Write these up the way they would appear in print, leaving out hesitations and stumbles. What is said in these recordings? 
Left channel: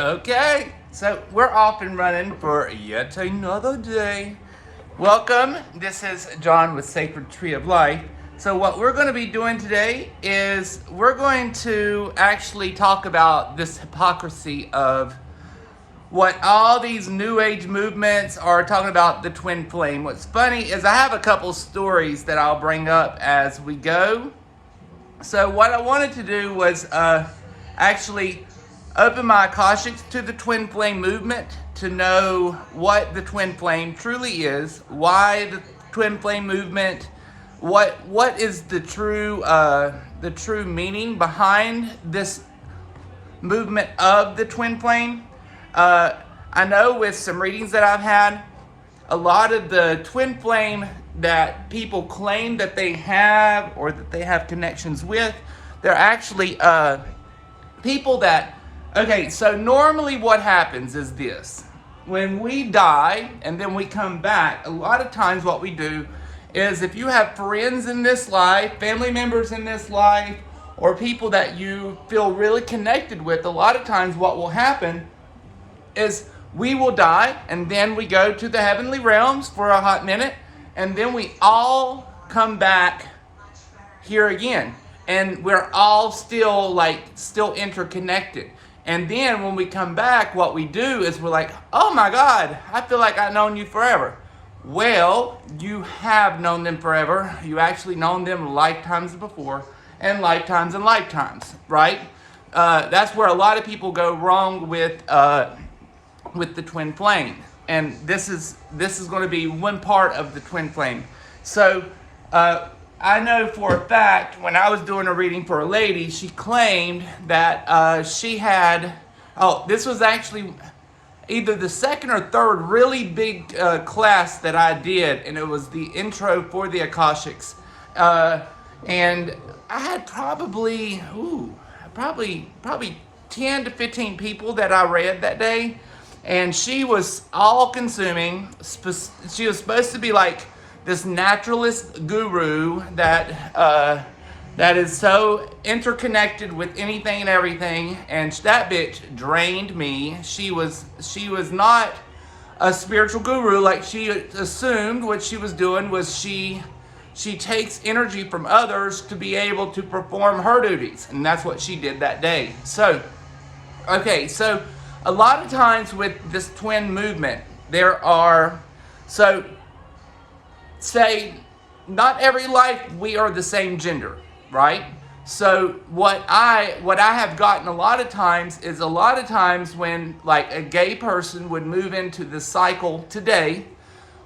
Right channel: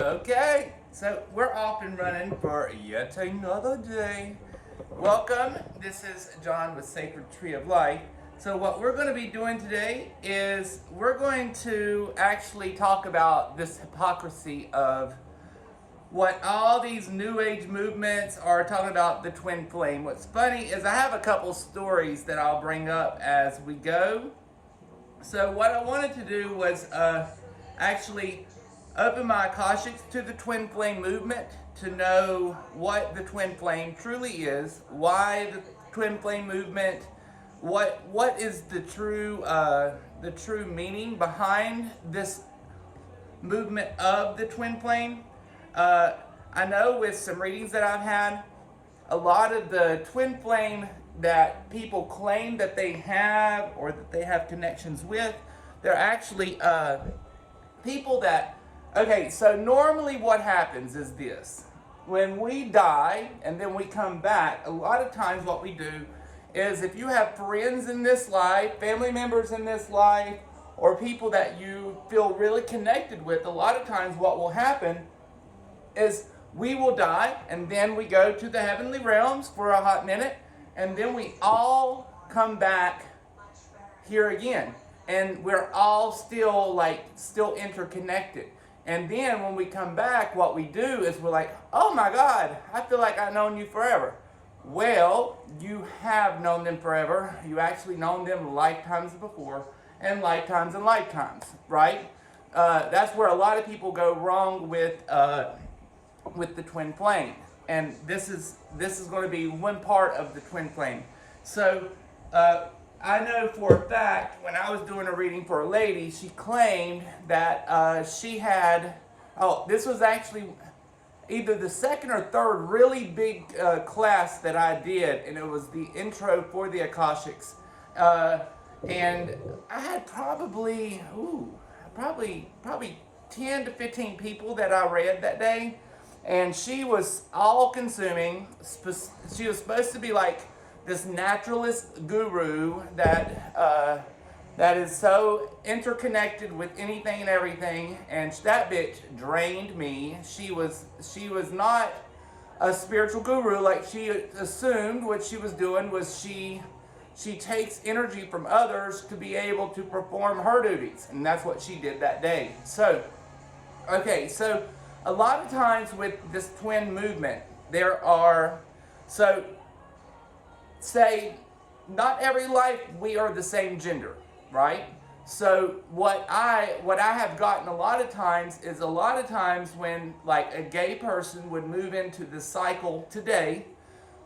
Okay, so we're off and running for yet another day. Welcome, this is John with Sacred Tree of Life. So what we're going to be doing today is we're going to actually talk about this hypocrisy of what all these new age movements are talking about, the twin flame. What's funny is I have a couple stories that I'll bring up as we go. So what I wanted to do was actually open my Akashics to the twin flame movement to know what the twin flame truly is, why the twin flame movement, what is the true meaning behind this movement of the twin flame. I know with some readings that I've had, a lot of the twin flame that people claim that they have or that they have connections with, they're actually people that, okay, so normally what happens is this. When we die and then we come back, a lot of times what we do is if you have friends in this life, family members in this life, or people that you feel really connected with, a lot of times what will happen is we will die and then we go to the heavenly realms for a hot minute and then we all come back here again. And we're all still interconnected. And then when we come back, what we do is we're like, oh my God, I feel like I've known you forever. Well, you have known them forever. You actually known them lifetimes before and lifetimes, right? That's where a lot of people go wrong with the twin flame. And this is going to be one part of the twin flame. So, I know for a fact, when I was doing a reading for a lady, she claimed that she had, this was actually either the second or third really big class that I did, and it was the intro for the Akashics. And I had probably 10 to 15 people that I read that day, and she was all-consuming. She was supposed to be like this naturalist guru that is so interconnected with anything and everything, and that bitch drained me. She was not a spiritual guru like she assumed. What she was doing was she takes energy from others to be able to perform her duties, and that's what she did that day. So, okay, so a lot of times with this twin movement, there are, so say not every life we are the same gender, right? So what I have gotten a lot of times when like a gay person would move into the cycle today,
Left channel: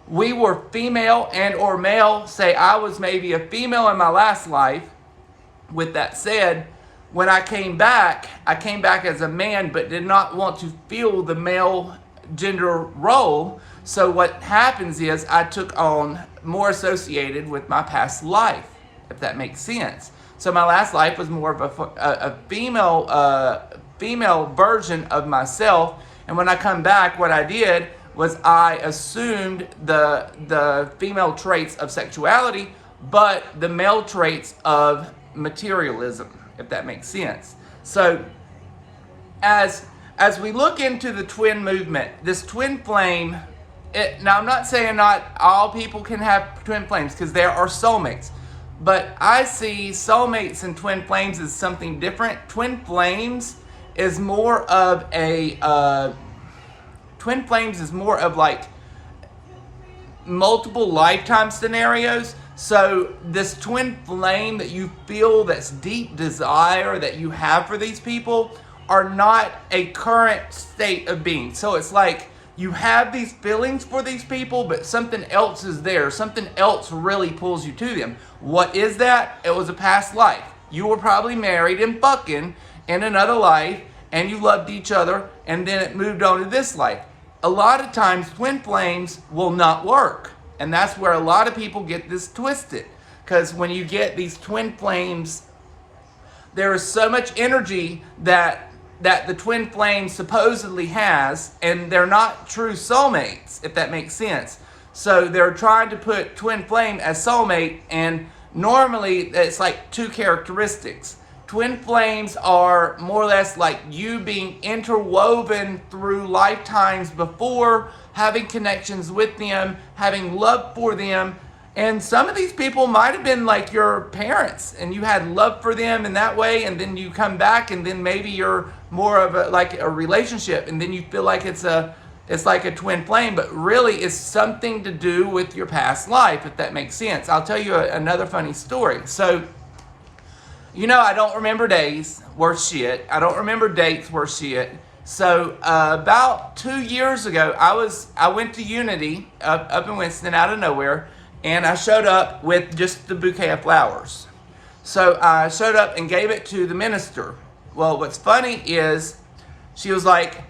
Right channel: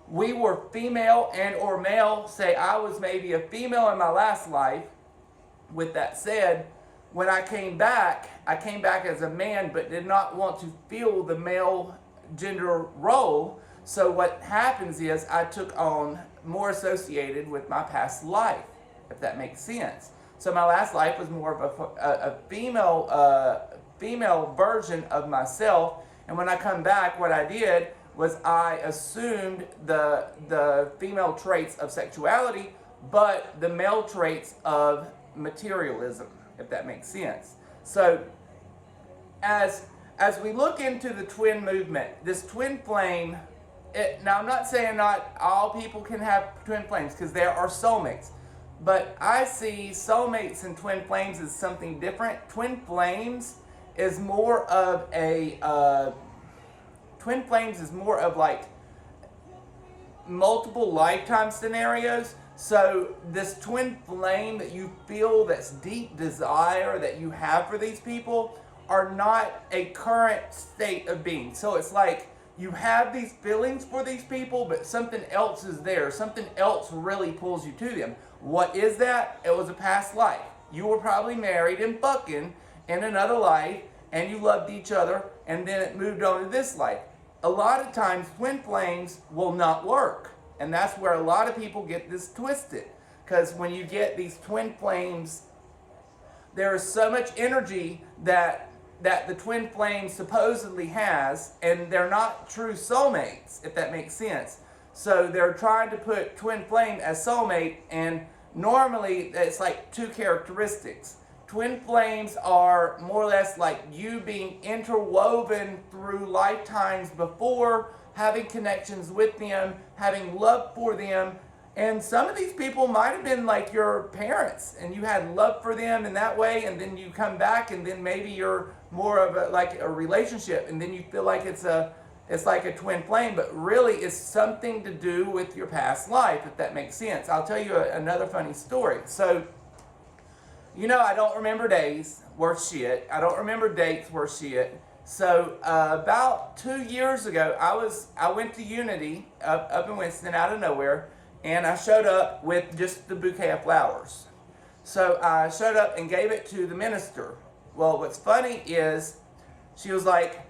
we were female and or male. Say I was maybe a female in my last life. With that said, when I came back as a man, but did not want to feel the male gender role. So what happens is I took on more associated with my past life, if that makes sense. So my last life was more of a female version of myself, and when I come back, what I did was I assumed the female traits of sexuality, but the male traits of materialism, if that makes sense. So as we look into the twin movement, this twin flame, now I'm not saying not all people can have twin flames, because there are soulmates, but I see soulmates and twin flames as something different. Twin flames is more of like multiple lifetime scenarios. So this twin flame that you feel, that's deep desire that you have for these people, are not a current state of being. So it's like you have these feelings for these people, but something else is there. Something else really pulls you to them. What is that? It was a past life. You were probably married and fucking in another life, and you loved each other, and then it moved on to this life. A lot of times, twin flames will not work. And that's where a lot of people get this twisted. Because when you get these twin flames, there is so much energy that the twin flame supposedly has, and they're not true soulmates, if that makes sense. So they're trying to put twin flame as soulmate, and normally it's like two characteristics. twin flames are more or less like you being interwoven through lifetimes before, having connections with them, having love for them. And some of these people might have been like your parents, and you had love for them in that way, and then you come back, and then maybe you're more of like a relationship, and then you feel like it's like a twin flame, but really it's something to do with your past life, if that makes sense. I'll tell you another funny story. So, I don't remember days worth shit. I don't remember dates worth shit. So about 2 years ago, I went to Unity up in Winston out of nowhere, and I showed up with just the bouquet of flowers. So I showed up and gave it to the minister. Well, what's funny is she was like,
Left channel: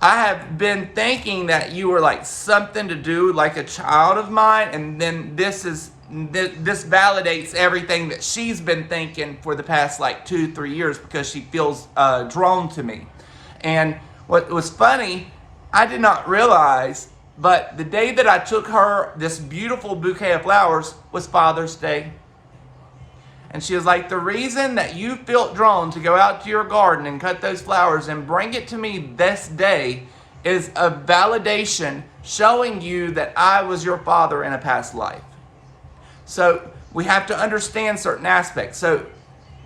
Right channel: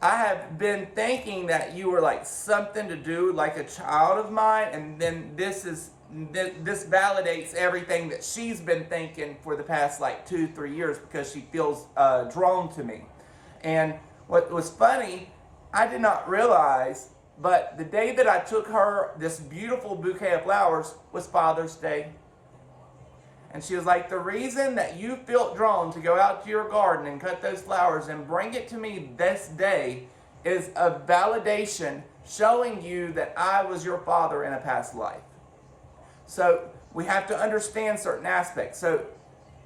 I have been thinking that you were like something to do like a child of mine, and then this validates everything that she's been thinking for the past like 2-3 years, because she feels drawn to me. And what was funny, I did not realize, but the day that I took her this beautiful bouquet of flowers was Father's Day. And she was like, the reason that you felt drawn to go out to your garden and cut those flowers and bring it to me this day is a validation showing you that I was your father in a past life. So we have to understand certain aspects. So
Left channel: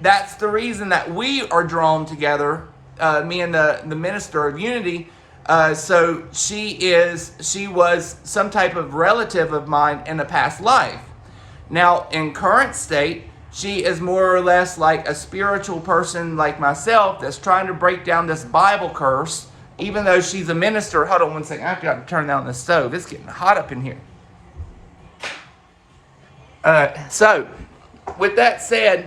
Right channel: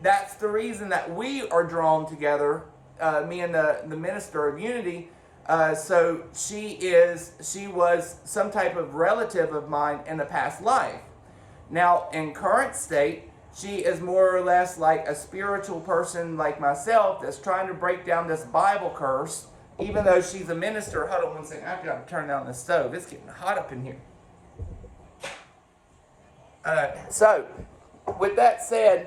that's the reason that we are drawn together, me and the minister of Unity. So she was some type of relative of mine in a past life. Now, in current state, she is more or less like a spiritual person like myself that's trying to break down this Bible curse, even though she's a minister. Hold on one second. I've got to turn down the stove. It's getting hot up in here. So, with that said,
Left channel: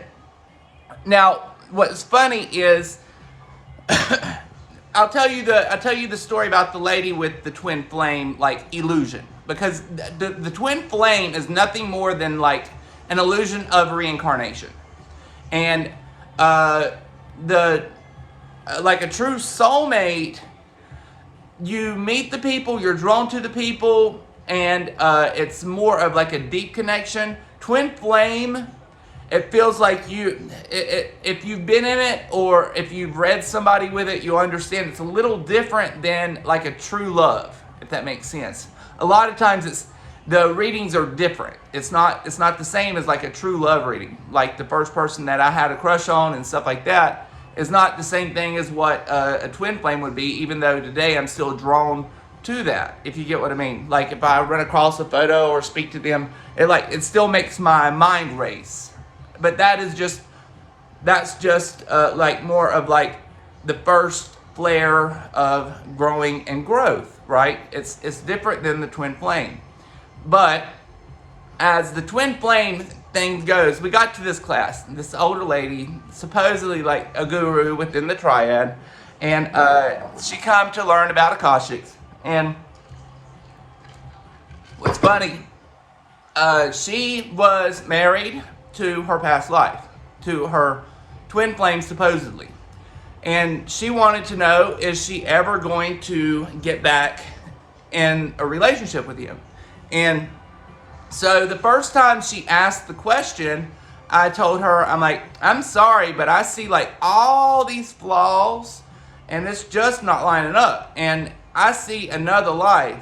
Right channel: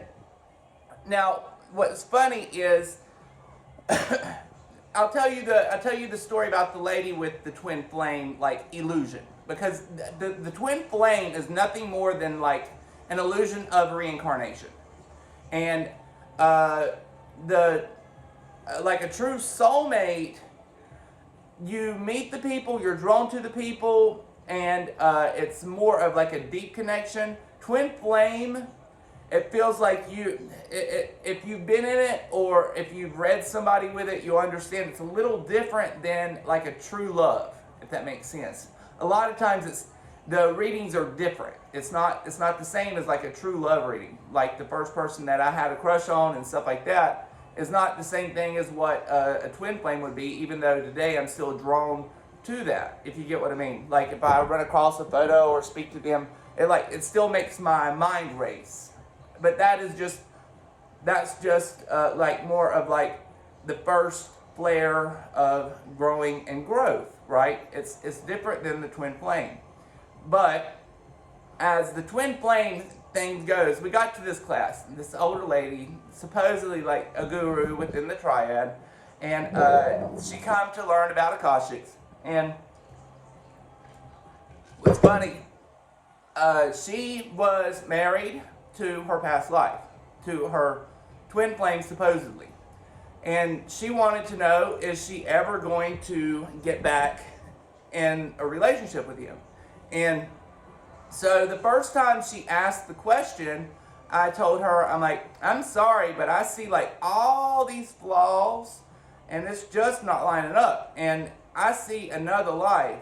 now what's funny is I'll tell you the story about the lady with the twin flame like illusion, because the twin flame is nothing more than like an illusion of reincarnation, and like a true soulmate, you meet the people, you're drawn to the people, and it's more of like a deep connection. Twin flame, it feels like if you've been in it or if you've read somebody with it, you'll understand it's a little different than like a true love, if that makes sense. A lot of times the readings are different. It's not the same as like a true love reading. Like the first person that I had a crush on and stuff like that is not the same thing as what a twin flame would be, even though today I'm still drawn to that, if you get what I mean. Like if I run across a photo or speak to them, it still makes my mind race. But that's just like more of like the first flare of growing and growth, right? It's different than the twin flame. But as the twin flame thing goes, we got to this class, this older lady, supposedly like a guru within the triad, and she come to learn about Akashics. And what's funny, she was married to her past life, to her twin flame supposedly. And she wanted to know, is she ever going to get back in a relationship with him? And so the first time she asked the question, I told her, I'm like, I'm sorry, but I see like all these flaws and it's just not lining up. And I see another life.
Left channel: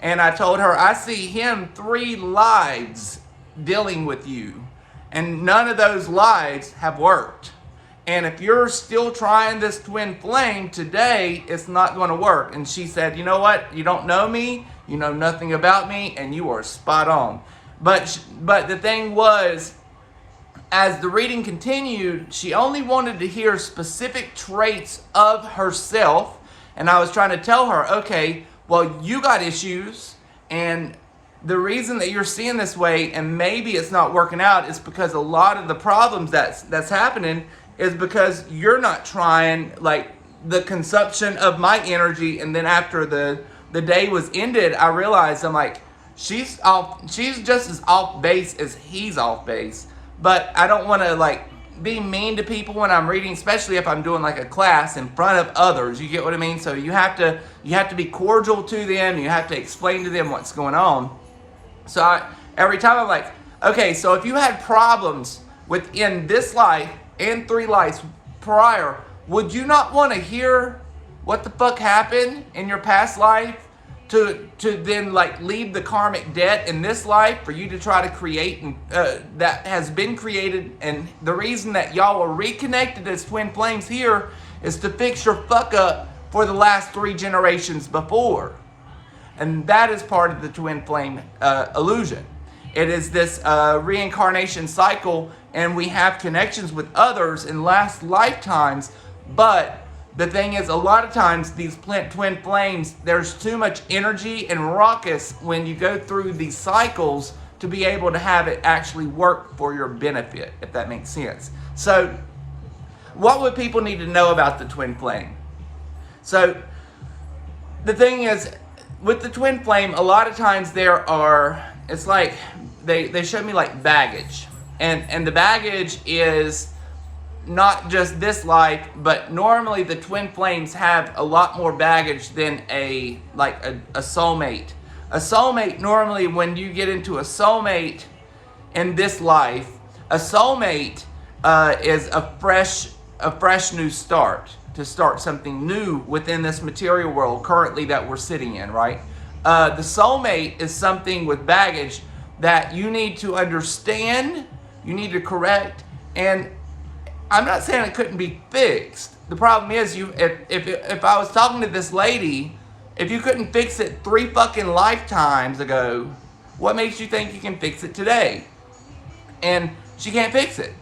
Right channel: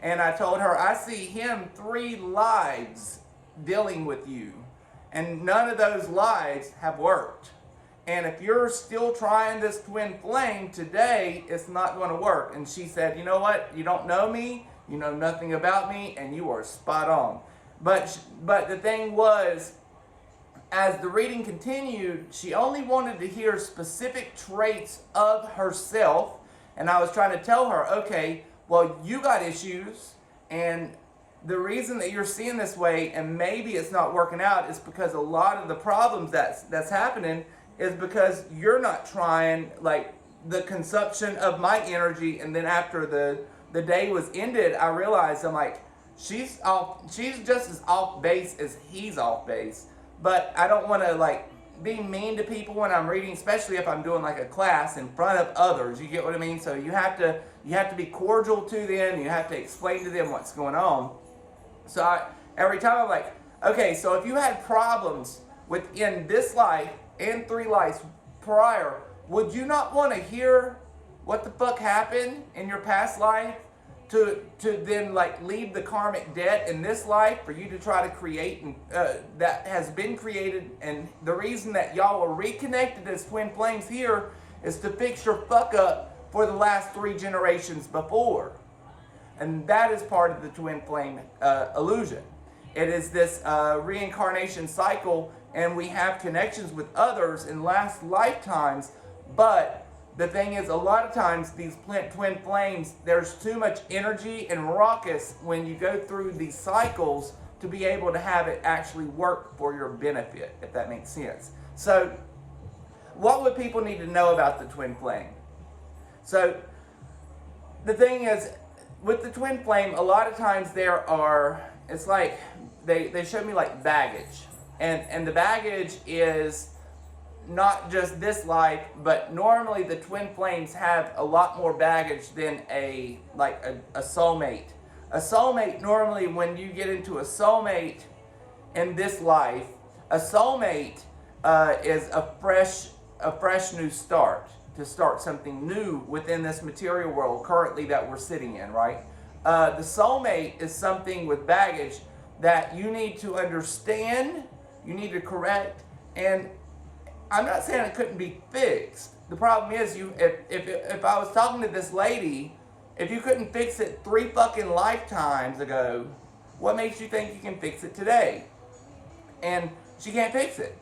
And I told her, I see him 3 lives dealing with you. And none of those lives have worked. And if you're still trying this twin flame today, it's not going to work. And she said, you know what? You don't know me. You know nothing about me. And you are spot on. But the thing was, as the reading continued, she only wanted to hear specific traits of herself. And I was trying to tell her, okay, well, you got issues. And the reason that you're seeing this way, and maybe it's not working out, is because a lot of the problems that's happening is because you're not trying like the consumption of my energy. And then after the day was ended, I realized, I'm like, she's just as off base as he's off base. But I don't want to like be mean to people when I'm reading, especially if I'm doing like a class in front of others. You get what I mean? So you have to be cordial to them. You have to explain to them what's going on. So every time I'm like, okay, so if you had problems within this life, and 3 lives prior, would you not want to hear what the fuck happened in your past life to then like leave the karmic debt in this life for you to try to create and that has been created? And the reason that y'all are reconnected as twin flames here is to fix your fuck up for the last 3 generations before. And that is part of the twin flame illusion. It is this reincarnation cycle, and we have connections with others in last lifetimes. But the thing is, a lot of times these twin flames, there's too much energy and ruckus when you go through these cycles to be able to have it actually work for your benefit, if that makes sense. So what would people need to know about the twin flame? So the thing is, with the twin flame, a lot of times it's like they show me like baggage. And the baggage is not just this life, but normally the twin flames have a lot more baggage than a soulmate. A soulmate, normally when you get into a soulmate in this life, a soulmate is a fresh new start, to start something new within this material world currently that we're sitting in, right? The soulmate is something with baggage that you need to understand, you need to correct, and I'm not saying it couldn't be fixed. The problem is, if I was talking to this lady, if you couldn't fix it 3 fucking lifetimes ago, what makes you think you can fix it today? And she can't fix it.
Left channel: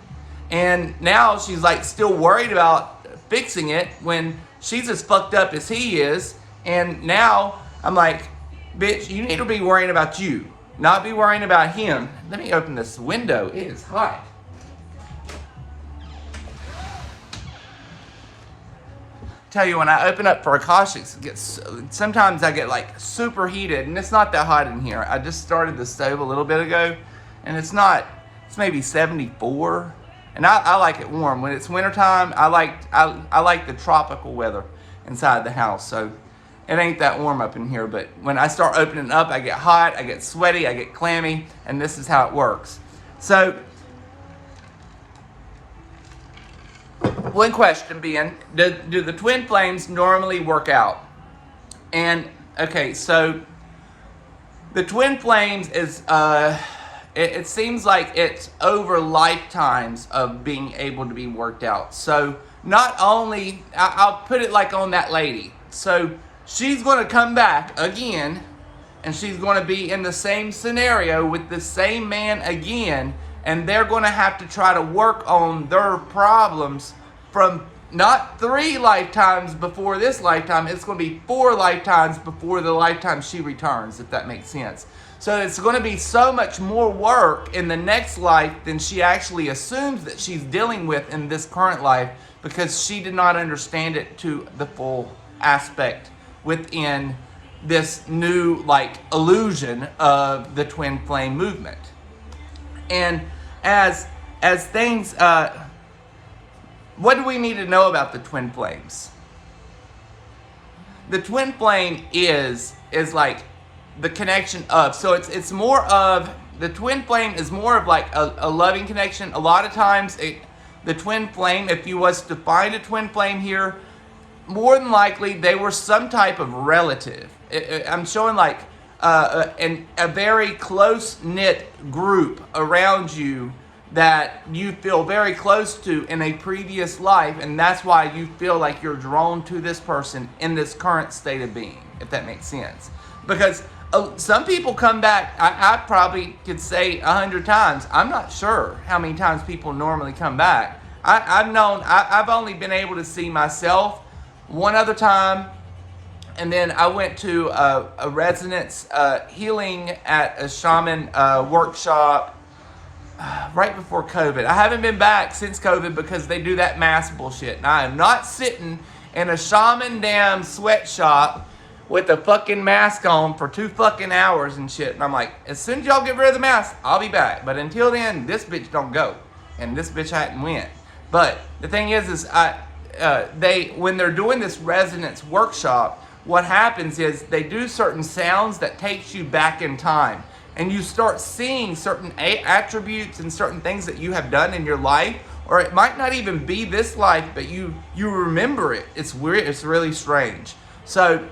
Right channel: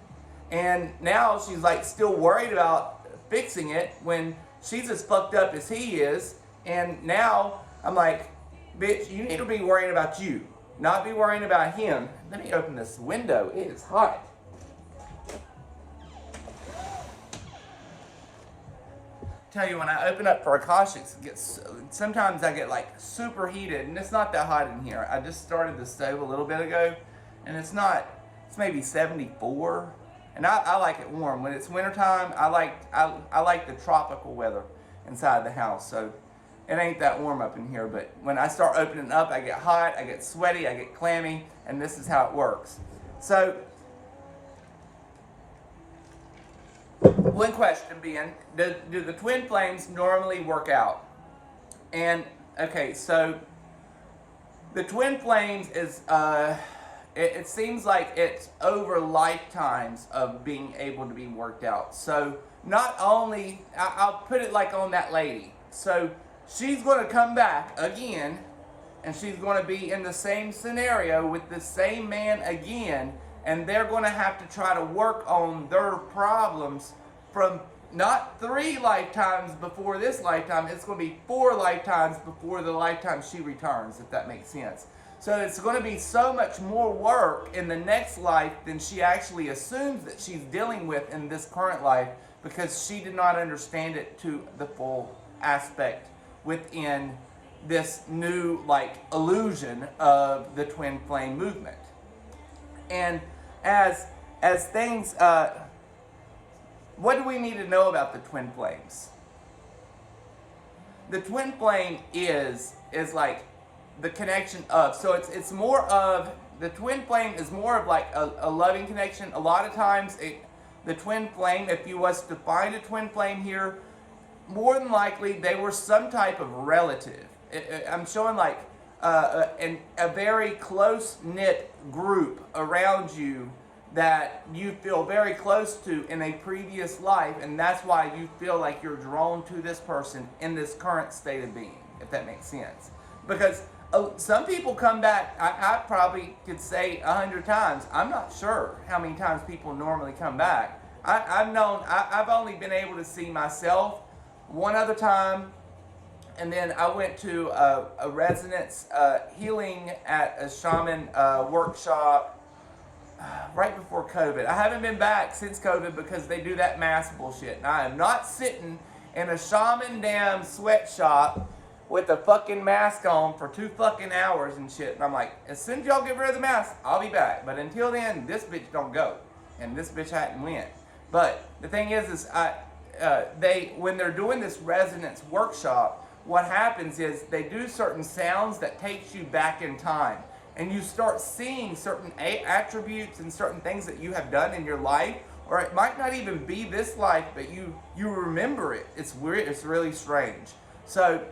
And now she's like still worried about fixing it when she's as fucked up as he is. And now I'm like, bitch, you need to be worrying about you, not be worrying about him. Let me open this window. It is hot. Tell you, when I open up for Akashics, sometimes I get like super heated, and it's not that hot in here. I just started the stove a little bit ago, and it's maybe 74, and I like it warm. When it's wintertime, I like the tropical weather inside the house, so it ain't that warm up in here. But when I start opening up, I get hot, I get sweaty, I get clammy, and this is how it works. So one question being, do the twin flames normally work out? And okay, so the twin flames is it seems like it's over lifetimes of being able to be worked out. So not only, I'll put it like on that lady. So she's going to come back again, and she's going to be in the same scenario with the same man again, and they're going to have to try to work on their problems from not 3 lifetimes before this lifetime. It's going to be 4 lifetimes before the lifetime she returns, if that makes sense. So it's going to be so much more work in the next life than she actually assumes that she's dealing with in this current life, because she did not understand it to the full aspect within this new illusion of the twin flame movement. And as things, what do we need to know about the twin flames? The twin flame is like the connection of, so it's more of, the twin flame is more of like a loving connection. A lot of times the twin flame, if you was to find a twin flame here, more than likely they were some type of relative. I'm showing like a very close-knit group around you that you feel very close to in a previous life, and that's why you feel like you're drawn to this person in this current state of being, if that makes sense. Because some people come back, I probably could say 100 times. I'm not sure how many times people normally come back. I've only been able to see myself one other time, and then I went to a resonance healing at a shaman workshop right before COVID. I haven't been back since COVID because they do that mask bullshit. And I am not sitting in a shaman damn sweatshop with a fucking mask on for 2 fucking hours and shit. And I'm like, as soon as y'all get rid of the mask, I'll be back. But until then, this bitch don't go. And this bitch hadn't went. But the thing is when they're doing this resonance workshop, what happens is they do certain sounds that takes you back in time. And you start seeing certain attributes and certain things that you have done in your life, or it might not even be this life, but you remember it. It's weird. It's really strange. So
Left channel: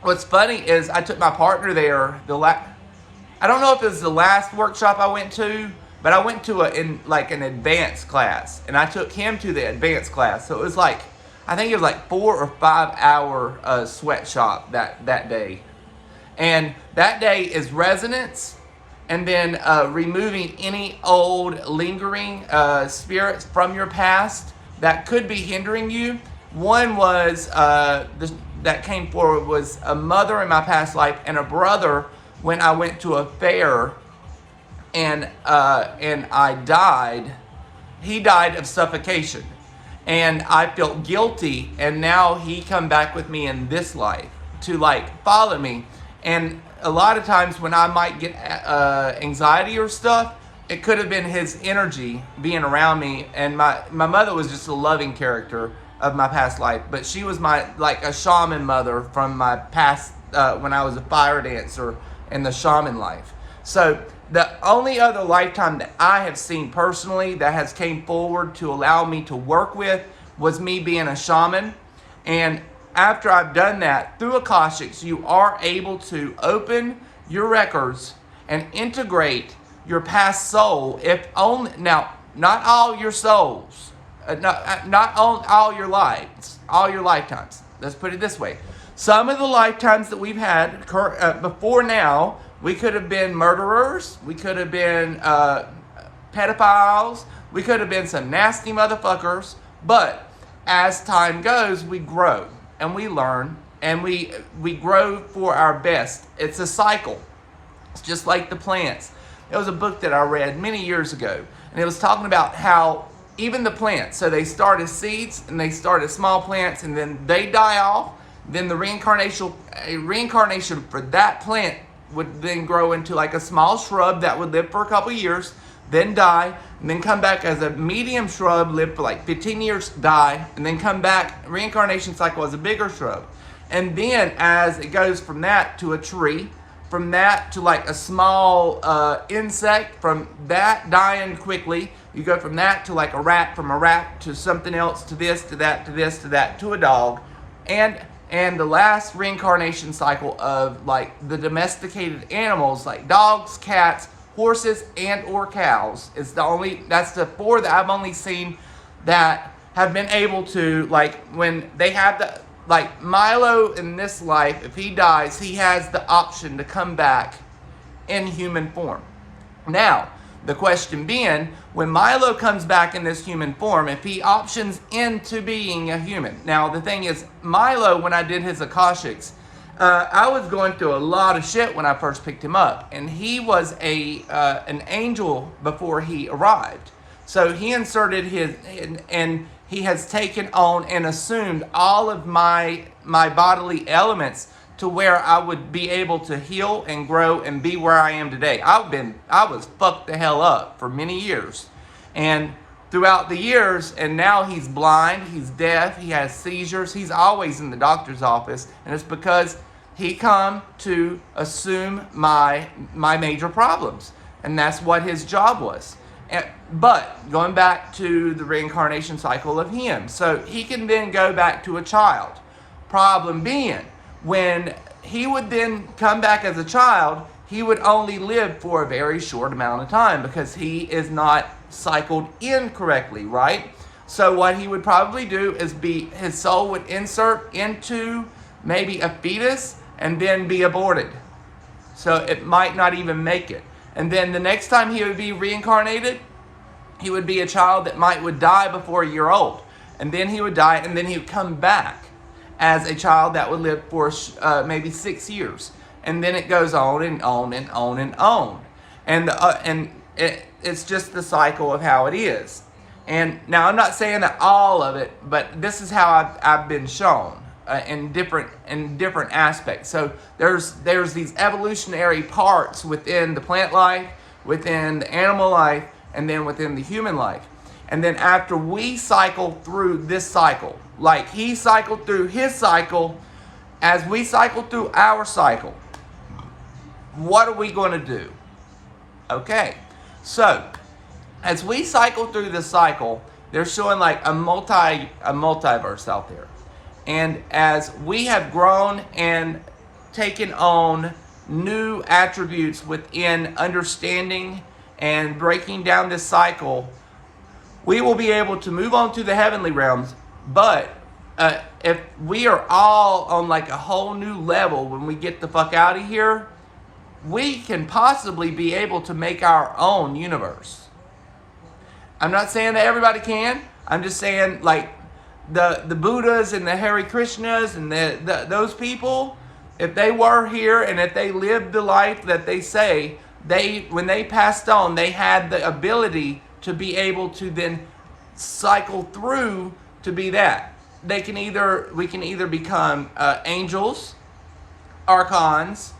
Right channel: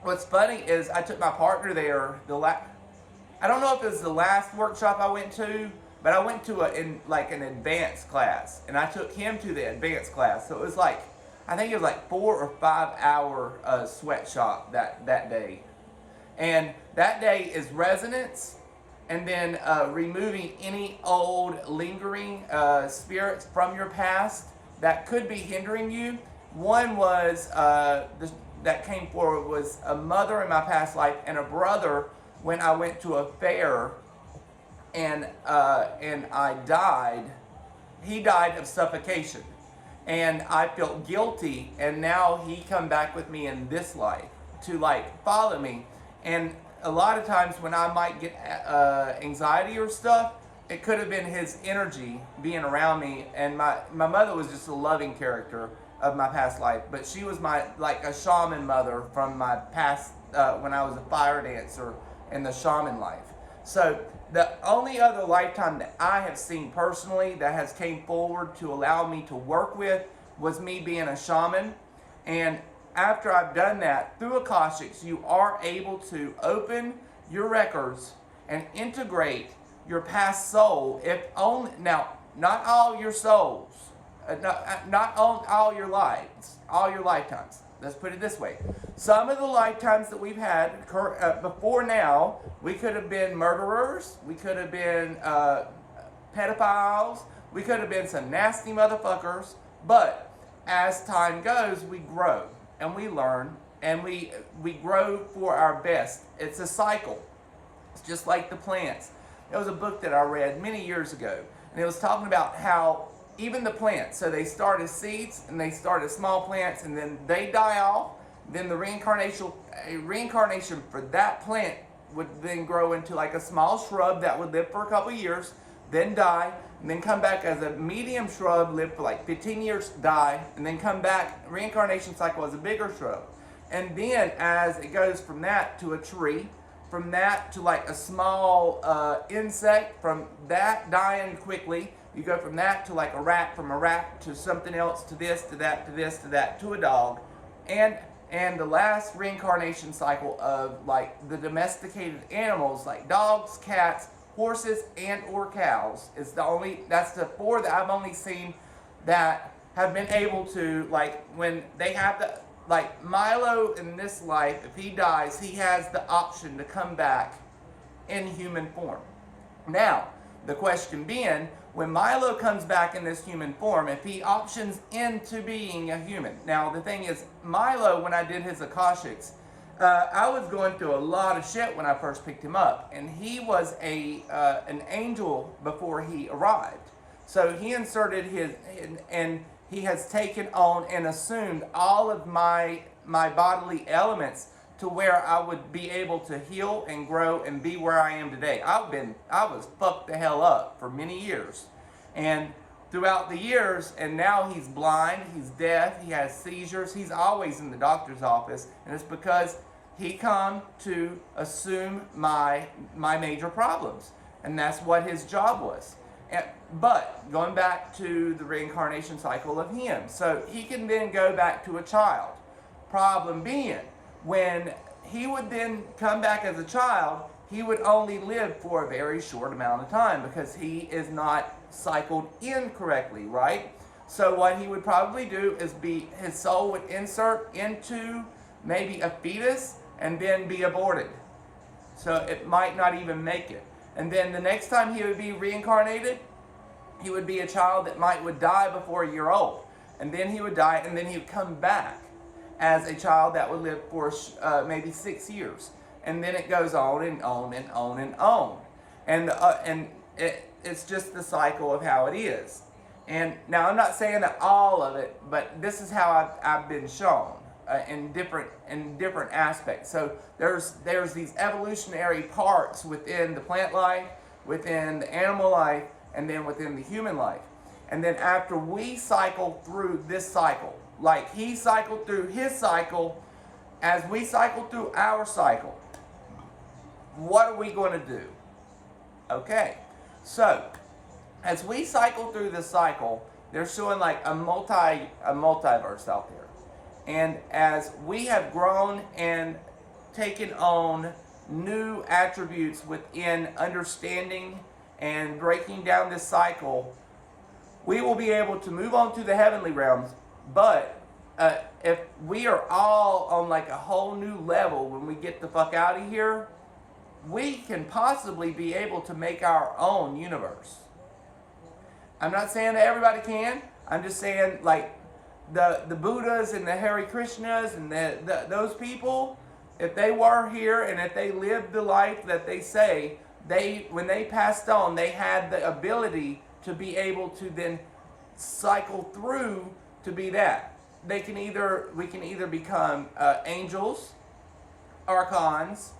what's funny is I took my partner there I don't know if it was the last workshop I went to, but I went to an advanced class, and I took him to the advanced class. So it was like, I think it was like 4 or 5 hour sweatshop that day. And that day is resonance, and then removing any old lingering spirits from your past that could be hindering you. One was, that came forward was a mother in my past life and a brother when I went to a fair and I died. He died of suffocation. And I felt guilty, and now he come back with me in this life to follow me. And a lot of times when I might get anxiety or stuff, it could have been his energy being around me. And my mother was just a loving character of my past life, but she was a shaman mother from my past when I was a fire dancer in the shaman life. So the only other lifetime that I have seen personally that has came forward to allow me to work with was me being a shaman. And after I've done that, through Akashics, you are able to open your records and integrate your past soul. If only, now, not all your souls, not all your lives, all your lifetimes. Let's put it this way. Some of the lifetimes that we've had before now, we could have been murderers, we could have been pedophiles, we could have been some nasty motherfuckers, but as time goes, we grow and we learn and we grow for our best. It's a cycle. It's just like the plants. There was a book that I read many years ago, and it was talking about how even the plants, so they start as seeds and they start as small plants, and then they die off. Then the reincarnation for that plant would then grow into like a small shrub that would live for a couple years, then die, and then come back as a medium shrub, live for like 15 years, die, and then come back, reincarnation cycle as a bigger shrub. And then as it goes from that to a tree, from that to like a small insect, from that dying quickly, you go from that to like a rat, from a rat to something else, to this, to that, to this, to that, to a dog. And the last reincarnation cycle of like the domesticated animals like dogs, cats, horses, and or cows is that's the 4 that I've only seen that have been able to, like, when they have the, like Milo in this life, if he dies, he has the option to come back in human form. Now, the question being, when Milo comes back in this human form, if he options into being a human. Now, the thing is, Milo, when I did his Akashics, I was going through a lot of shit when I first picked him up. And he was an angel before he arrived. So he inserted and he has taken on and assumed all of my bodily elements to where I would be able to heal and grow and be where I am today. I was fucked the hell up for many years. And throughout the years, and now he's blind, he's deaf, he has seizures, he's always in the doctor's office, and it's because he come to assume my major problems. And that's what his job was. But going back to the reincarnation cycle of him, so he can then go back to a child. Problem being, when he would then come back as a child, he would only live for a very short amount of time because he is not cycled in correctly, right? So what he would probably do is his soul would insert into maybe a fetus and then be aborted. So it might not even make it. And then the next time he would be reincarnated, he would be a child that would die before a year old. And then he would die, and then he would come back as a child that would live for maybe 6 years. And then it goes on and on and on and on. And it's just the cycle of how it is. And now I'm not saying that all of it, but this is how I've been shown in different aspects. So there's these evolutionary parts within the plant life, within the animal life, and then within the human life. And then after we cycle through this cycle, like he cycled through his cycle, as we cycle through our cycle, what are we going to do? Okay, so as we cycle through this cycle, they're showing like a multiverse out there. And as we have grown and taken on new attributes within understanding and breaking down this cycle, we will be able to move on to the heavenly realms. But if we are all on like a whole new level when we get the fuck out of here, we can possibly be able to make our own universe. I'm not saying that everybody can. I'm just saying like the Buddhas and the Hare Krishnas and those people, if they were here and if they lived the life that they say, when they passed on, they had the ability to be able to then cycle through to be that. We can either become angels, archons,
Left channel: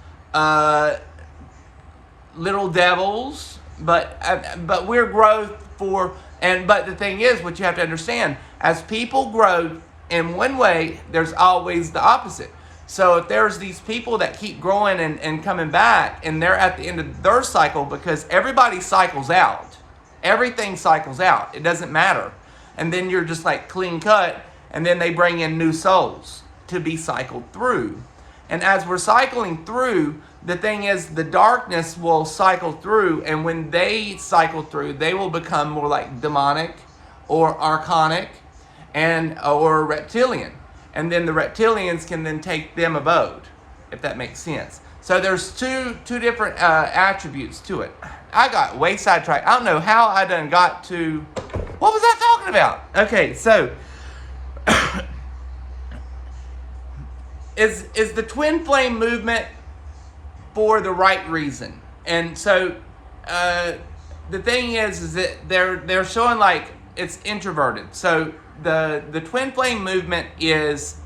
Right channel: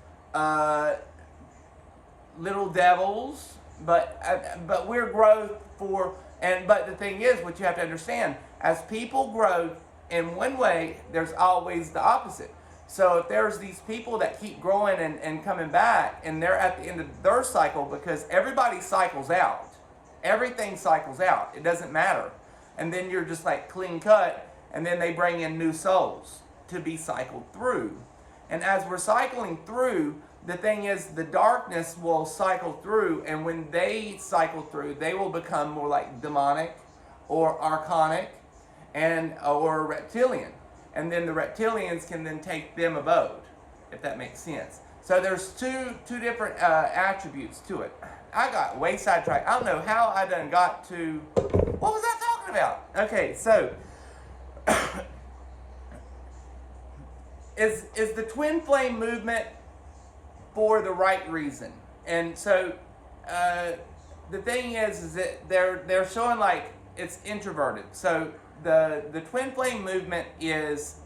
little devils, but we're growth for. But the thing is, what you have to understand, as people grow in one way, there's always the opposite. So if there's these people that keep growing and coming back, and they're at the end of their cycle, because everybody cycles out. Everything cycles out. It doesn't matter. And then you're just like clean cut, and then they bring in new souls to be cycled through. And as we're cycling through, the thing is, the darkness will cycle through, and when they cycle through, they will become more like demonic or archonic or reptilian. And then the reptilians can then take them abode, if that makes sense. So there's two different attributes to it. I got way sidetracked. I don't know how I done got to... What was I talking about? Okay, so... is the Twinflame movement for the right reason? And so the thing is that they're showing like it's introverted. So the Twinflame movement is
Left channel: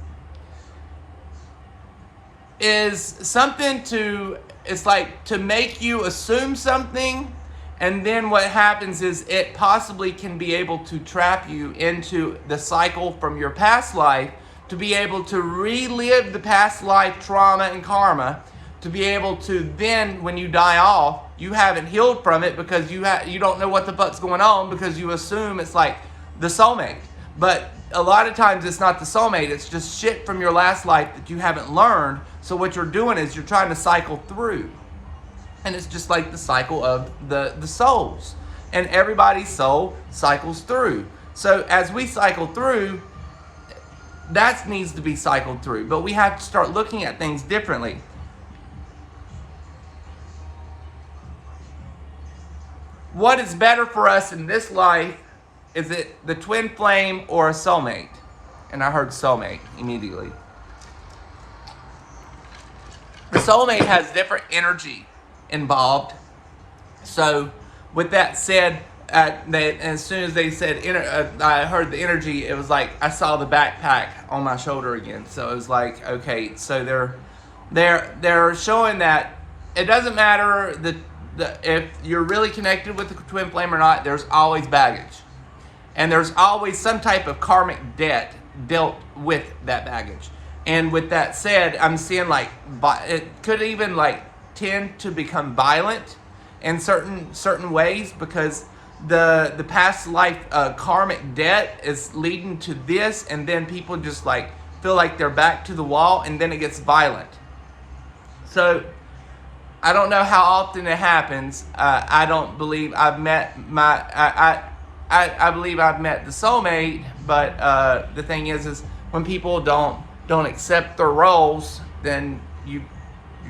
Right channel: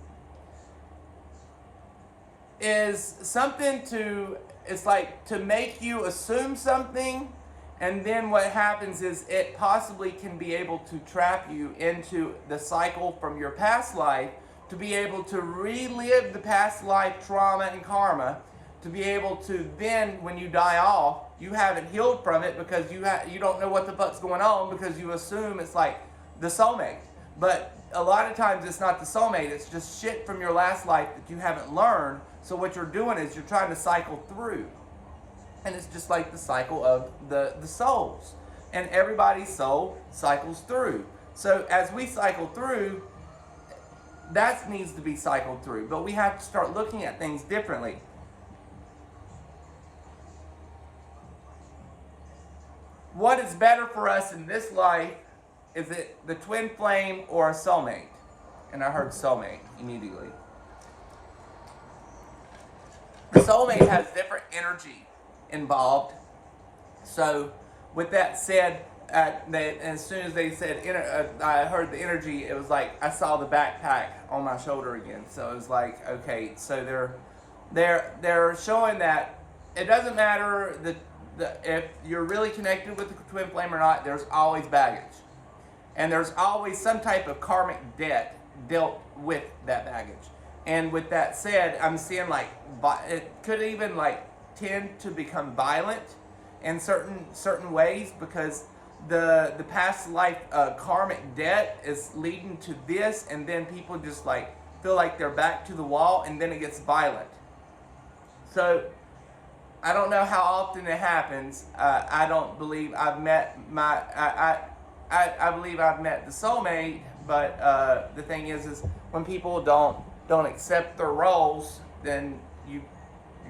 something it's like to make you assume something, and then what happens is it possibly can be able to trap you into the cycle from your past life, to be able to relive the past life trauma and karma, to be able to then, when you die off, you haven't healed from it because you don't know what the fuck's going on, because you assume it's like the soulmate. But a lot of times it's not the soulmate, it's just shit from your last life that you haven't learned. So what you're doing is you're trying to cycle through. And it's just like the cycle of the souls. And everybody's soul cycles through. So as we cycle through, that needs to be cycled through. But we have to start looking at things differently. What is better for us in this life? Is it the twin flame or a soulmate? And I heard soulmate immediately. The soulmate has different energy involved. So with that said, as soon as they said, I heard the energy, it was like I saw the backpack on my shoulder again. So it was like, okay, so they're showing that it doesn't matter if you're really connected with the twin flame or not, there's always baggage. And there's always some type of karmic debt dealt with that baggage. And with that said, I'm seeing like it could even like tend to become violent in certain ways, because the past life karmic debt is leading to this, and then people just like feel like they're back to the wall, and then it gets violent. So I don't know how often it happens. I don't believe I've met I believe I've met the soulmate, but the thing is when people don't accept their roles, then you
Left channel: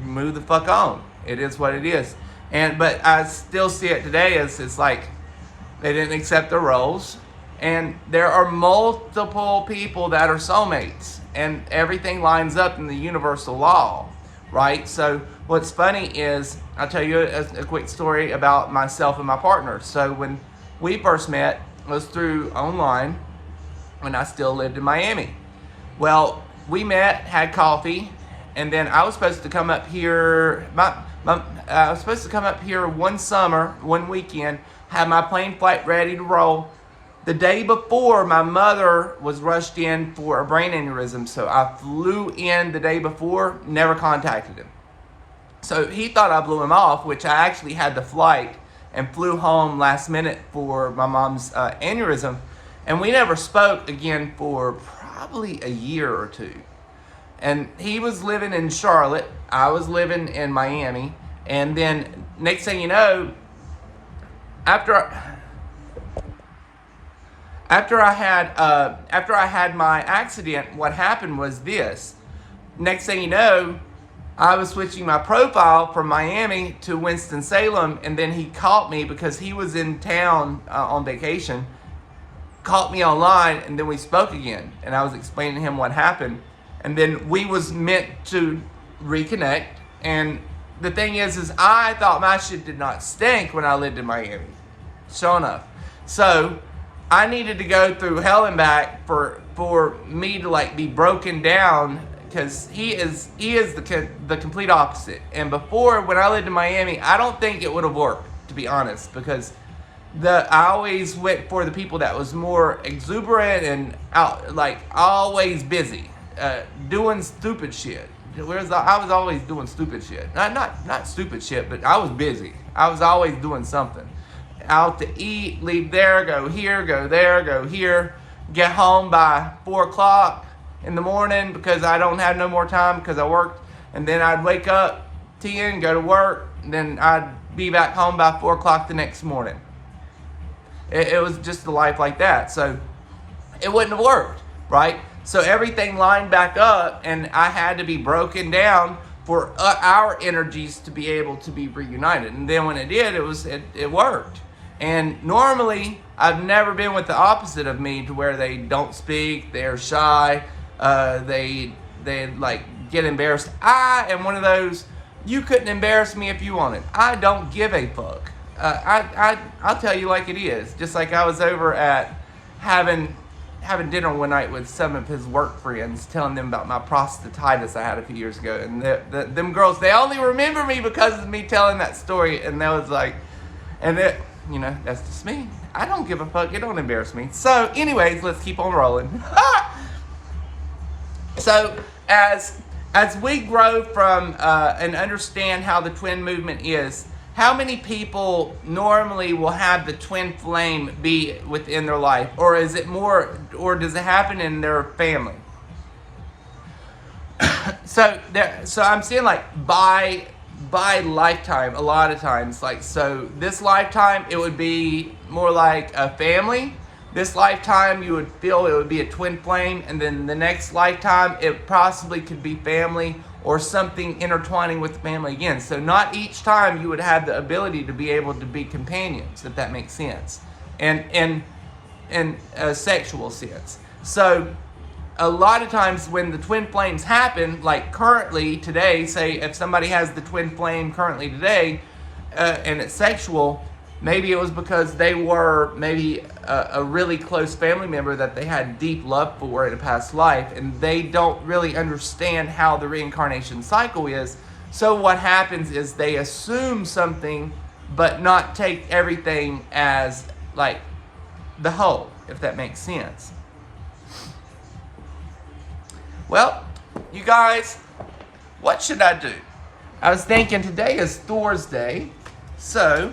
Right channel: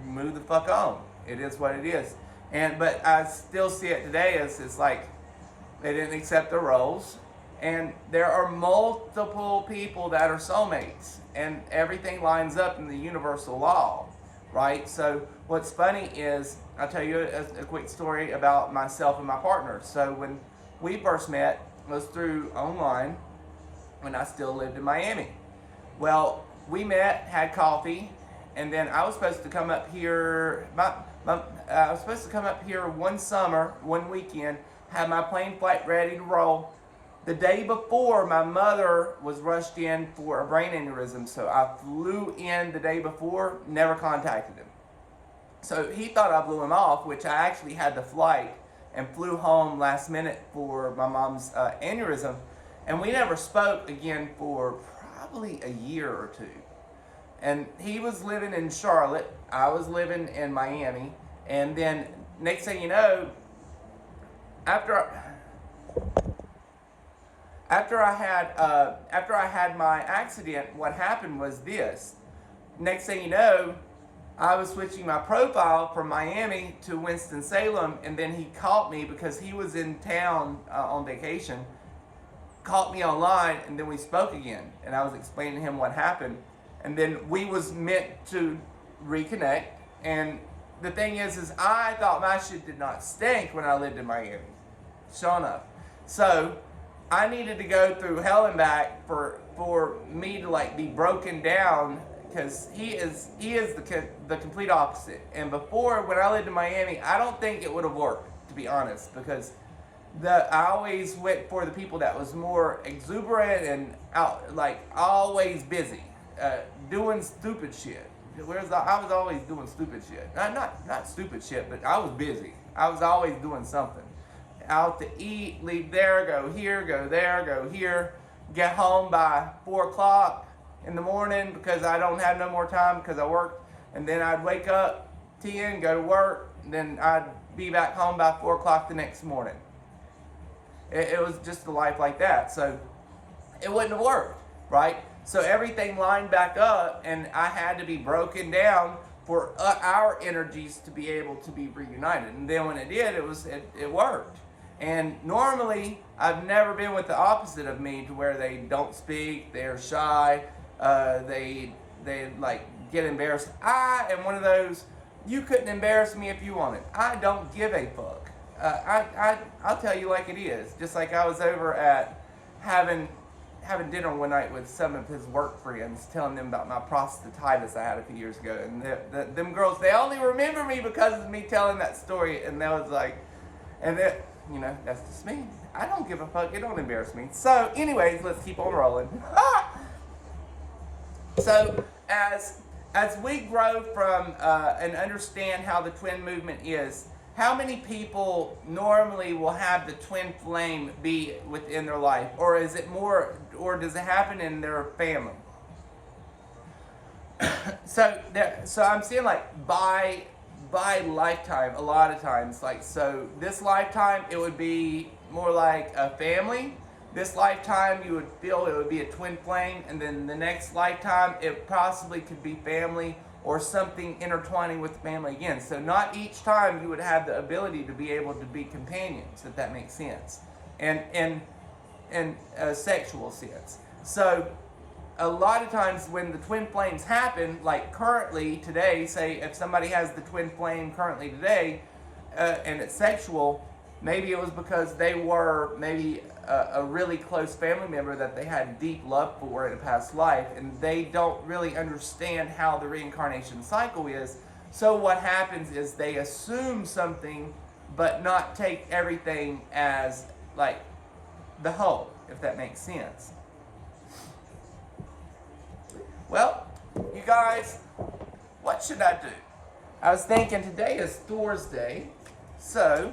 move the fuck on. It is what it is. But I still see it today as it's like they didn't accept their roles, and there are multiple people that are soulmates, and everything lines up in the universal law, right? So what's funny is, I'll tell you a quick story about myself and my partner. So when we first met, it was through online when I still lived in Miami. Well, we met, had coffee, and then I was supposed to come up here. I was supposed to come up here one summer, one weekend, have my plane flight ready to roll. The day before, my mother was rushed in for a brain aneurysm, so I flew in the day before, never contacted him. So he thought I blew him off, which I actually had the flight and flew home last minute for my mom's aneurysm. And we never spoke again for probably a year or two. And he was living in Charlotte. I was living in Miami. And then next thing you know, after I had my accident, what happened was this. Next thing you know, I was switching my profile from Miami to Winston-Salem, and then he caught me because he was in town on vacation, caught me online, and then we spoke again. And I was explaining to him what happened. And then we was meant to reconnect. And the thing is I thought my shit did not stink when I lived in Miami. Sure enough. So I needed to go through hell and back for me to like be broken down, because he is the complete opposite. And before, when I lived in Miami, I don't think it would have worked, to be honest, because I always went for the people that was more exuberant and always busy, doing stupid shit. Whereas I was always doing stupid shit. Not stupid shit, but I was busy. I was always doing something. Out to eat, leave there, go here, go there, go here. Get home by 4 o'clock in the morning because I don't have no more time because I worked. And then I'd wake up 10, go to work. And then I'd be back home by 4 o'clock the next morning. It was just a life like that. So it wouldn't have worked, right? So everything lined back up, and I had to be broken down for our energies to be able to be reunited. And then when it did, it worked. And normally, I've never been with the opposite of me, to where they don't speak, they're shy, they like get embarrassed. I am one of those, you couldn't embarrass me if you wanted. I don't give a fuck. I'll tell you like it is. Just like I was over at having dinner one night with some of his work friends, telling them about my prostatitis I had a few years ago. And them girls, they only remember me because of me telling that story. And they was like, that's just me. I don't give a fuck. It don't embarrass me. So anyways, let's keep on rolling. So as we grow from and understand how the twin movement is, how many people normally will have the twin flame be within their life? Or is it more, or does it happen in their family? So I'm seeing like by lifetime, a lot of times, like, so this lifetime it would be more like a family. This lifetime you would feel it would be a twin flame, and then the next lifetime it possibly could be family or something intertwining with the family again. So not each time you would have the ability to be able to be companions, if that makes sense, and in a sexual sense. So a lot of times when the twin flames happen, like currently today, say if somebody has the twin flame currently today, and it's sexual, maybe it was because they were maybe a really close family member that they had deep love for in a past life, and they don't really understand how the reincarnation cycle is. So what happens is they assume something, but not take everything as like the whole, if that makes sense. Well, you guys, what should I do? I was thinking today is Thor's Day, so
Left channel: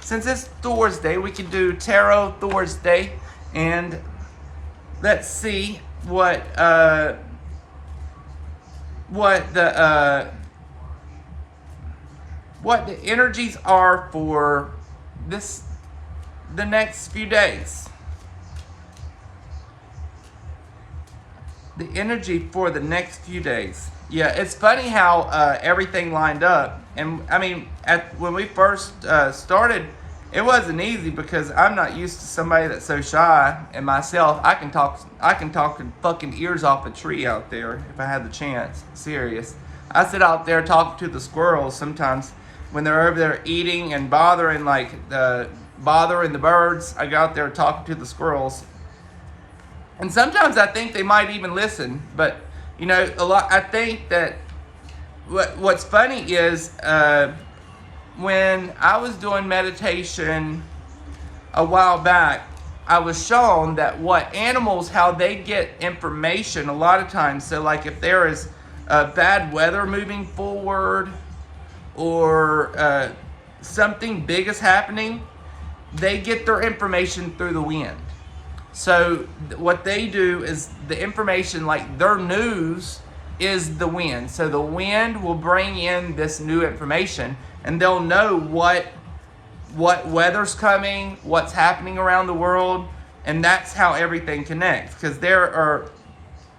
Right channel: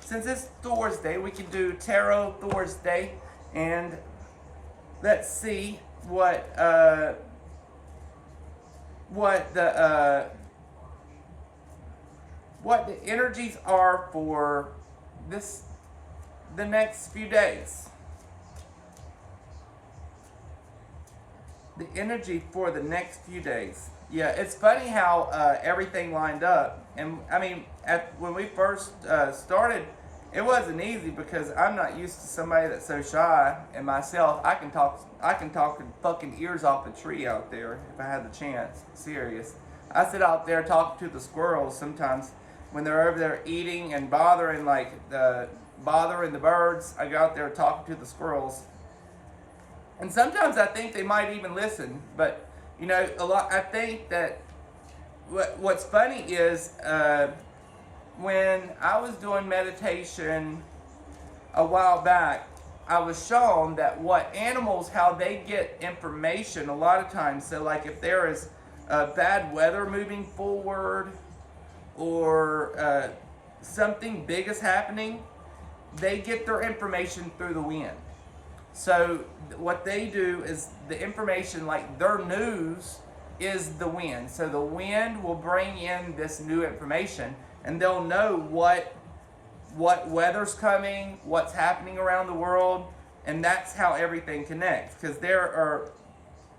since it's Thor's Day, we can do Tarot Thor's Day, and let's see what the energies are for the next few days. The energy for the next few days. Yeah, it's funny how everything lined up. And I mean, when we first started, it wasn't easy because I'm not used to somebody that's so shy. And myself, I can talk fucking ears off a tree out there if I had the chance. Serious. I sit out there talking to the squirrels sometimes when they're over there eating and bothering the birds. I go out there talking to the squirrels. And sometimes I think they might even listen, but I think that what's funny is when I was doing meditation a while back, I was shown that how they get information a lot of times. So like if there is bad weather moving forward or something big is happening, they get their information through the wind. So what they do is the information, like their news is the wind. So the wind will bring in this new information, and they'll know what weather's coming, what's happening around the world, and that's how everything connects. Because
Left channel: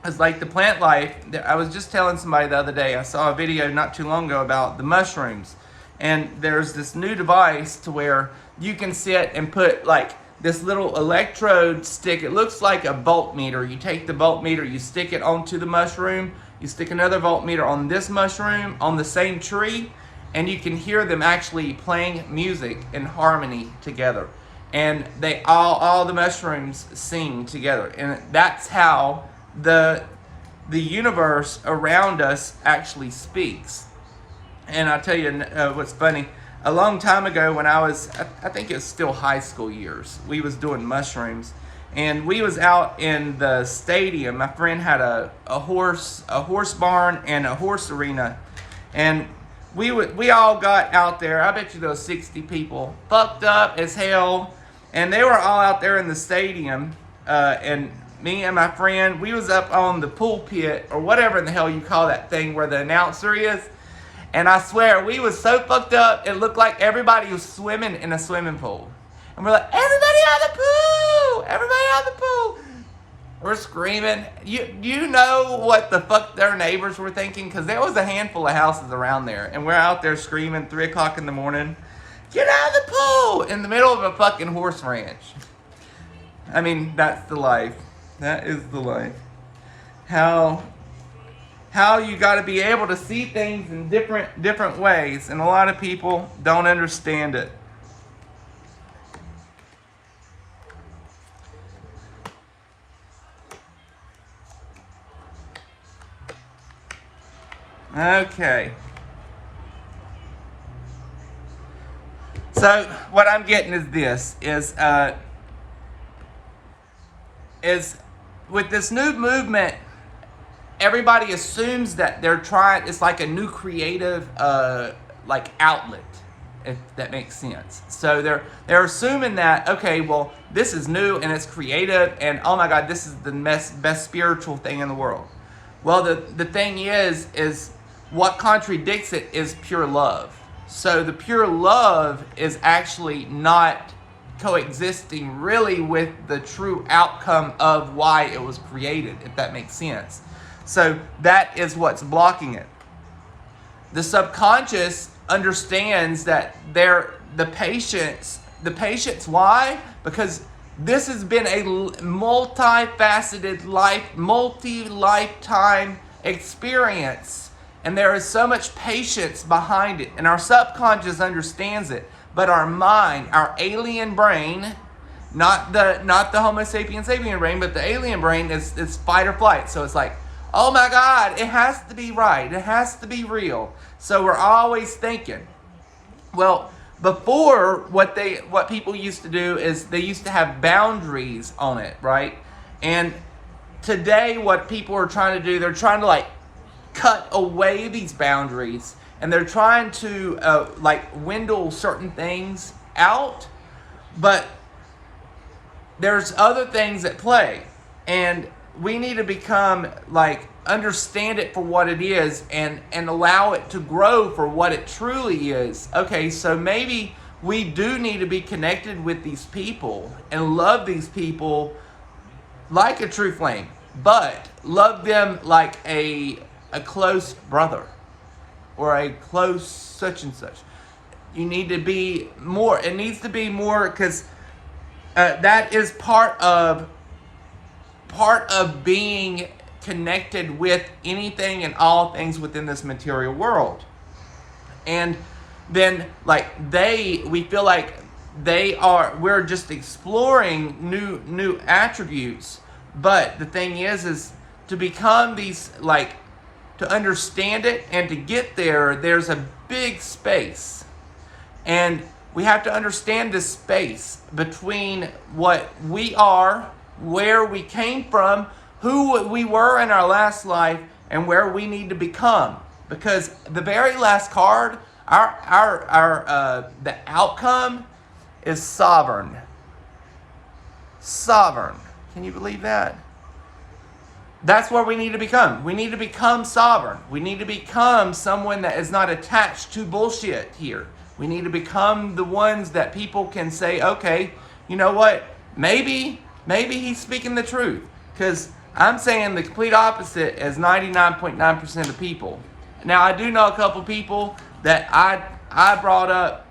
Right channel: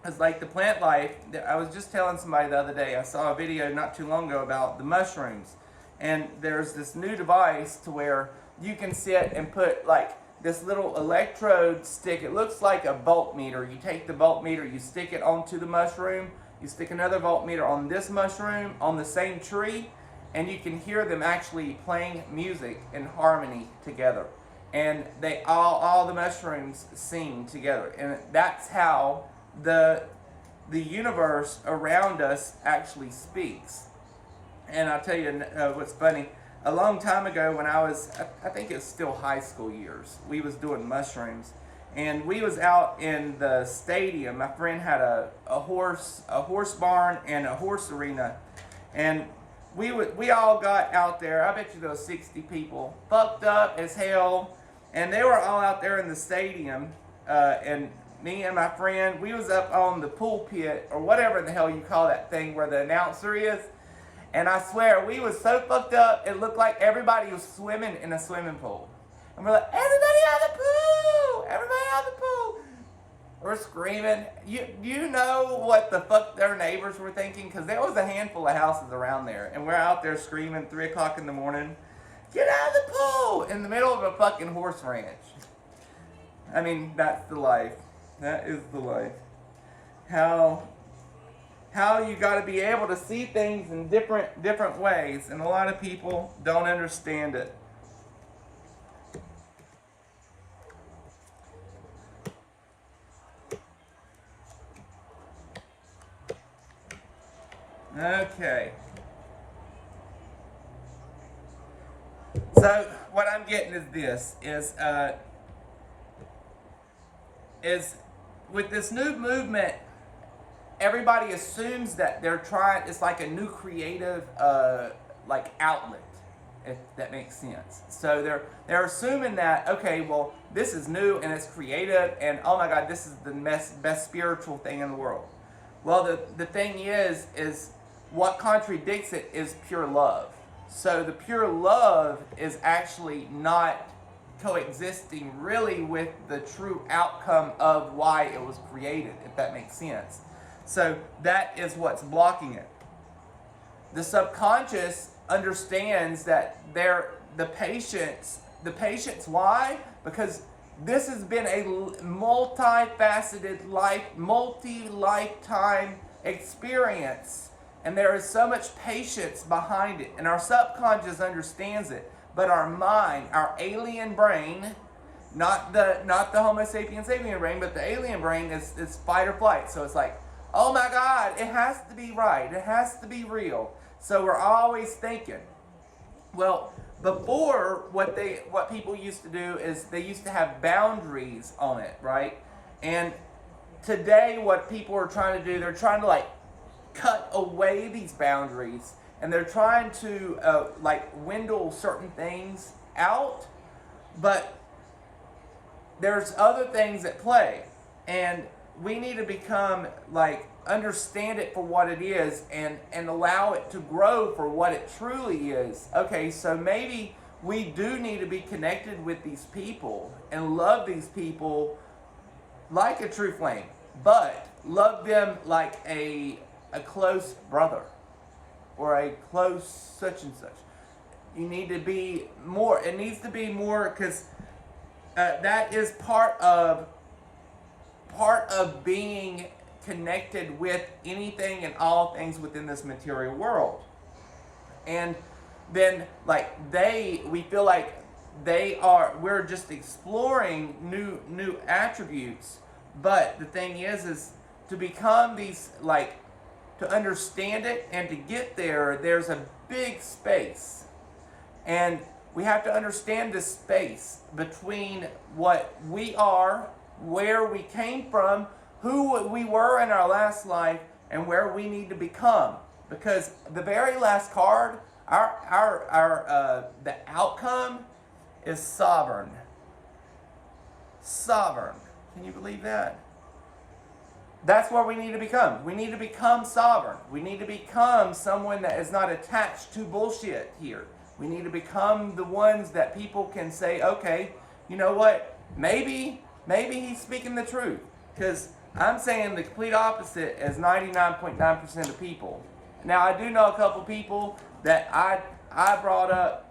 it's like the plant life. I was just telling somebody the other day, I saw a video not too long ago about the mushrooms, and there's this new device to where you can sit and put like this little electrode stick. It looks like a voltmeter. You take the voltmeter, you stick it onto the mushroom, you stick another voltmeter on this mushroom on the same tree, and you can hear them actually playing music in harmony together. And they all the mushrooms sing together. And that's how the universe around us actually speaks. And I'll tell you what's funny. A long time ago when I think it was still high school years, we was doing mushrooms. And we was out in the stadium. My friend had a horse barn and a horse arena. And we all got out there. I bet you there was 60 people, fucked up as hell. And they were all out there in the stadium. And me and my friend, we was up on the pulpit, or whatever in the hell you call that thing where the announcer is. And I swear, we was so fucked up, it looked like everybody was swimming in a swimming pool. And we're like, everybody out of the pool! Everybody out of the pool! We're screaming. You know what the fuck their neighbors were thinking? Because there was a handful of houses around there. And we're out there screaming 3 o'clock in the morning. Get out of the pool! In the middle of a fucking horse ranch. I mean, that's the life. That is the life. How you got to be able to see things in different ways. And a lot of people don't understand it. Okay. So what I'm getting is this is with this new movement, everybody assumes that they're trying. It's like a new creative like outlet, if that makes sense. So they're assuming that, okay, well, this is new and it's creative, and oh my God, this is the best spiritual thing in the world. Well, the thing is what contradicts it is pure love. So the pure love is actually not coexisting really with the true outcome of why it was created, if that makes sense. So that is what's blocking it. The subconscious understands that the patience, why? Because this has been a multifaceted multi-lifetime experience. And there is so much patience behind it. And our subconscious understands it. But our mind, our alien brain, not the Homo sapien sapien brain, but the alien brain is fight or flight. So it's like, oh my God, it has to be right. It has to be real. So we're always thinking. Well, before, what people used to do is they used to have boundaries on it, right? And today what people are trying to do, they're trying to like cut away these boundaries, and they're trying to like dwindle certain things out, but there's other things at play, and we need to become like understand it for what it is and allow it to grow for what it truly is. Okay, so maybe we do need to be connected with these people and love these people like a true flame, but love them like a close brother or a close such and such. You need to be more. It needs to be more, because that is part of being connected with anything and all things within this material world. And then like we feel like we're just exploring new attributes. But the thing is to become these, like, to understand it and to get there, there's a big space. And we have to understand this space between what we are, where we came from, who we were in our last life, and where we need to become. Because the very last card, the outcome is sovereign. Sovereign. Can you believe that? That's where we need to become. We need to become sovereign. We need to become someone that is not attached to bullshit here. We need to become the ones that people can say, okay, you know what? Maybe he's speaking the truth. Because I'm saying the complete opposite as 99.9% of people. Now, I do know a couple people that I brought up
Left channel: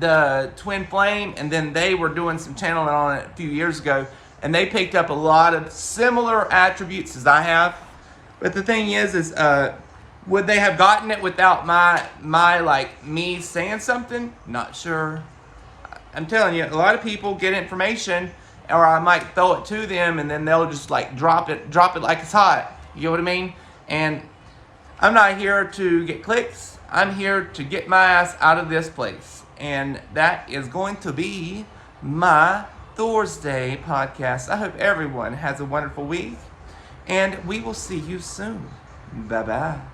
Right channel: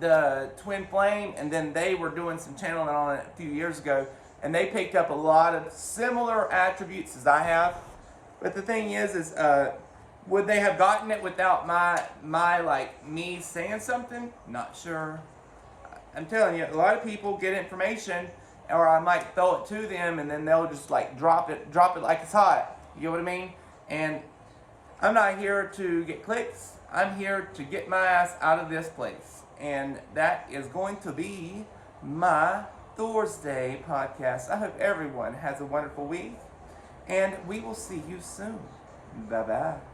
the Twinflame, and then they were doing some channeling on it a few years ago, and they picked up a lot of similar attributes as I have. But the thing is would they have gotten it without my like me saying something? Not sure. I'm telling you, a lot of people get information, or I might throw it to them, and then they'll just like drop it like it's hot. You know what I mean? And I'm not here to get clicks. I'm here to get my ass out of this place. And that is going to be my Thursday podcast. I hope everyone has a wonderful week, and we will see you soon. Bye-bye.